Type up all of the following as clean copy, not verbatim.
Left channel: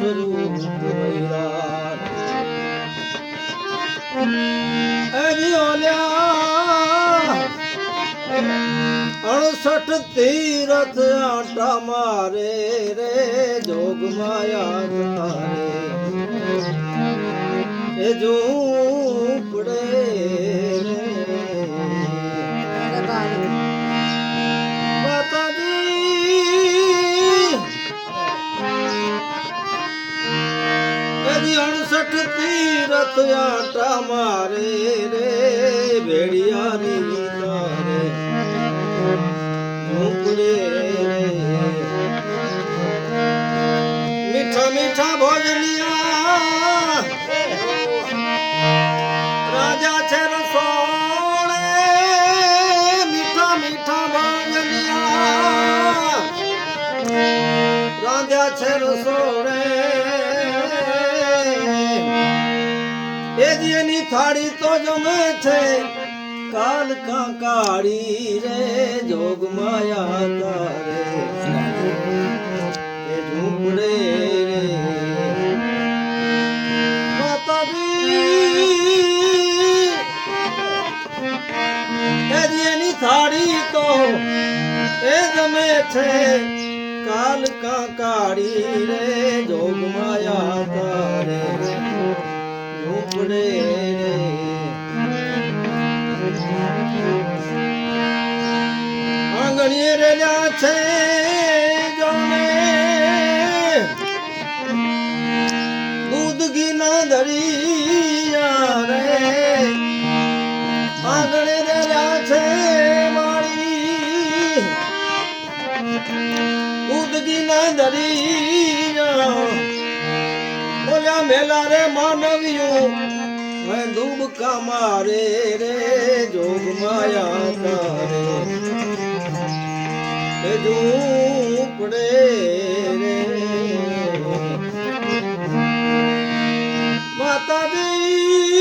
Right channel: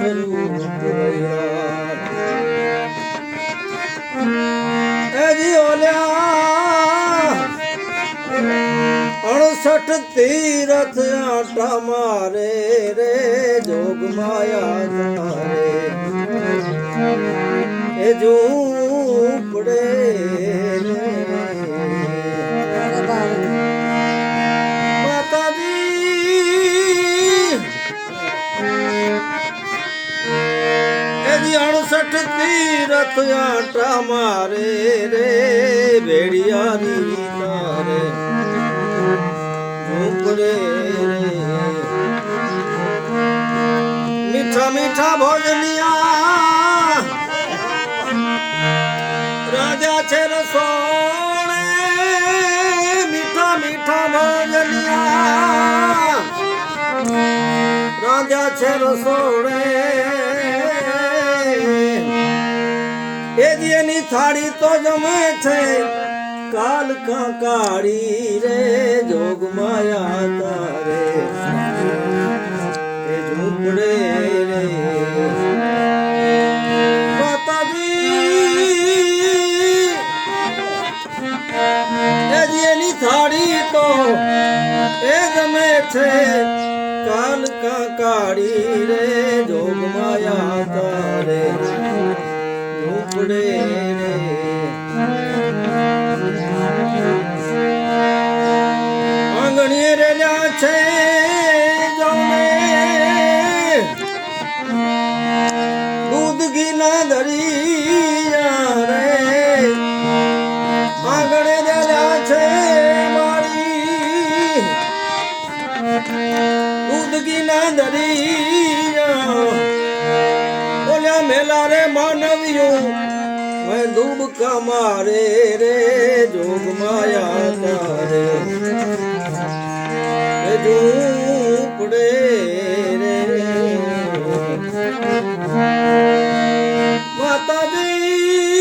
સ્વરૂપ વૈરાગ એજી ઓલ્યા 68 તીરથ આટા મારે રે જોગ માયા તારે એ ઝૂંપડે તીરથ આટા મારે રે ભેડિયાની તારે ઝૂંપડે રે મીઠા મીઠા ભોજનિયા રાજા છે રસોડે મીઠા મીઠા ભોજનિયા રાજા છે રસોડે એની થાળી તો જમે છે કાલ કાળી રે જોગ માયા તારે એ ઝૂંપડે રે માતાજી એની થાળી તો એ જમે છે કાલ કાળી રે જોગ માયા તારે ઝૂંપડે રે આંગણીએ રેલા છે જોને દૂધ ઘીના દરિયા રે આંગણે રેલા છે મારી દૂધ ઘીના દરિયા ઓલ્યા મેલા રે માનવ્યું ડૂબકા મારે રે જોગ માયા તારે એ ઝૂંપડે રે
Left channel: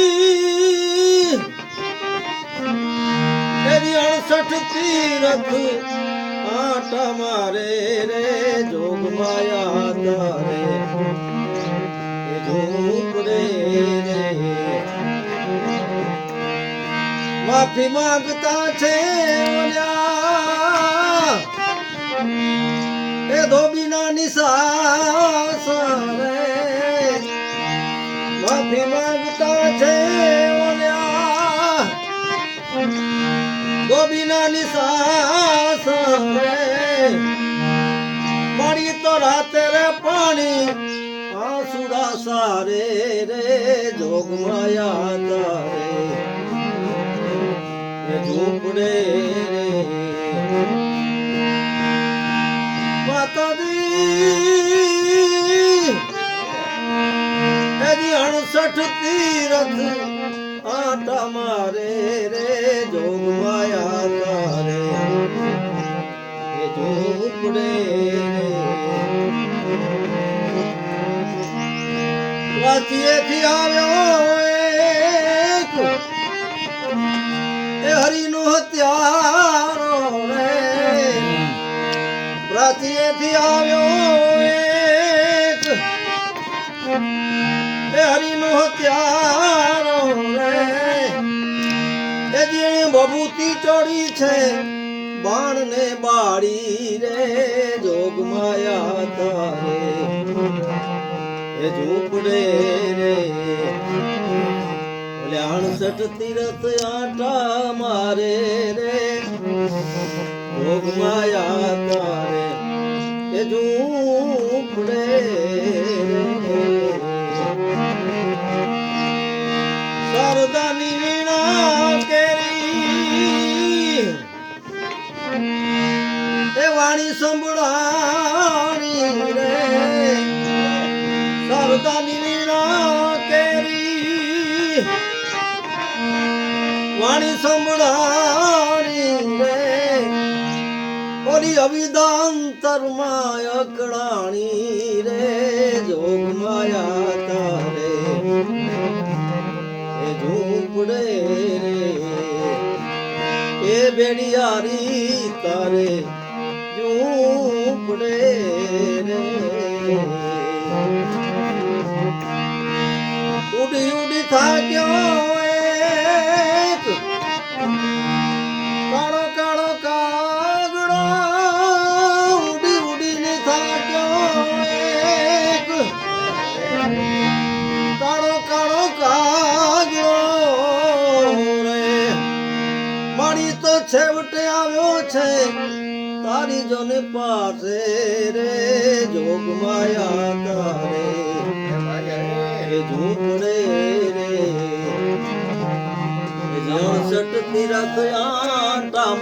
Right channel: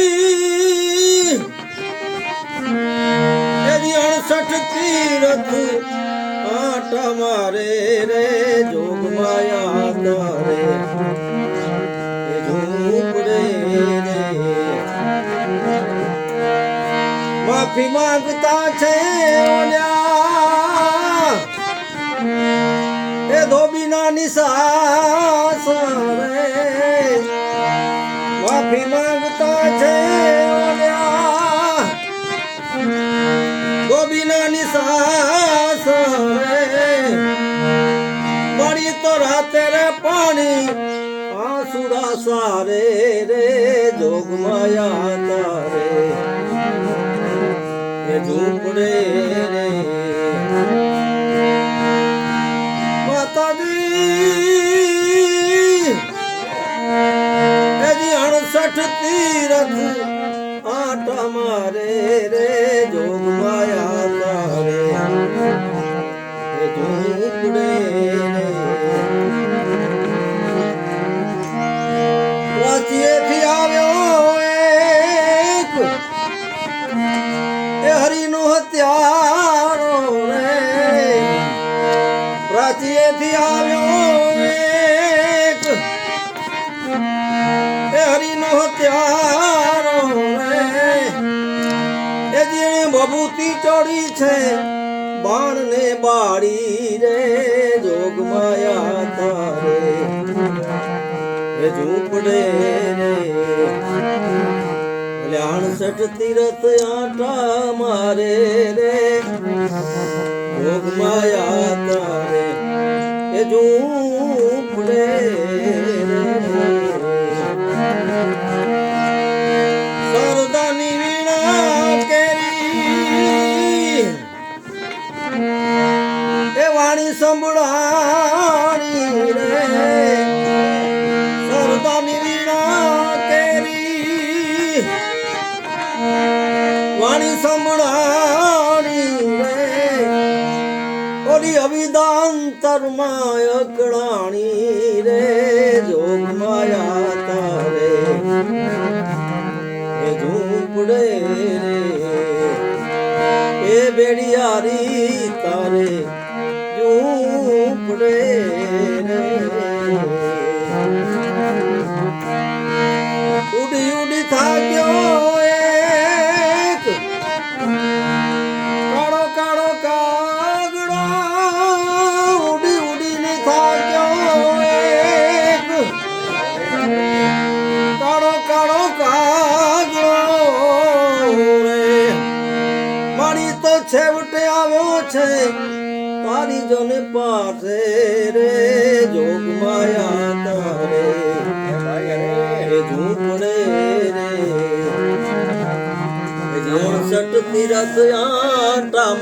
માતાજી એની 68 તીરથ આટા મારે રે જોગ માયા તારે એ ઝૂંપડે રે માફી માંગતા છે ઓલ્યા એ ધોબીના નિસાસ રે માફી માંગતા છે ઓલ્યા ધોબીના નિસાસ રે મળી તો રાતે રે પાણી આસુડા સારે રે જોગ માયા તારે ઝૂંપડે રે માતાજી એની 68 તીરથ આટા મારે રે જોગ માયા તારે એ ઝૂંપડે રે વાંચીએથી આવ્યો એ હરિનો હત્યારો રે પ્રાચીએથી આવ્યો એક એ હરિનો હત્યારો રે એ જેણે બબૂતી ચડી છે બાણ ને બાળી રે જોગ માયા તારે એ ઝૂંપડે રે 68 તીરથ આટા મારે રે જોગ માયા તારે એ ઝૂંપડે રે સરદાની વીણા કેરી એ વાણી સંભળાણી રે સરદાની વીણા કેરી વાણી સંભળાણી રે ઓલી અવિદાંતરમાં અકળાણી રે જોગ માયા તારે એ ઝૂંપડે રે એ બેડિયારી તારે ઝૂંપડે રે થાક્યો એક કાળો કાળો કાગડો ઉડી ઉડીને થાક્યો એક કાળો કાળો કાગડો રે મારી તો છેવટે આવ્યો છે તારી જોને પાસે રે જોગ માયા તારે ઝૂંપડે રે 66 તીરથ આટા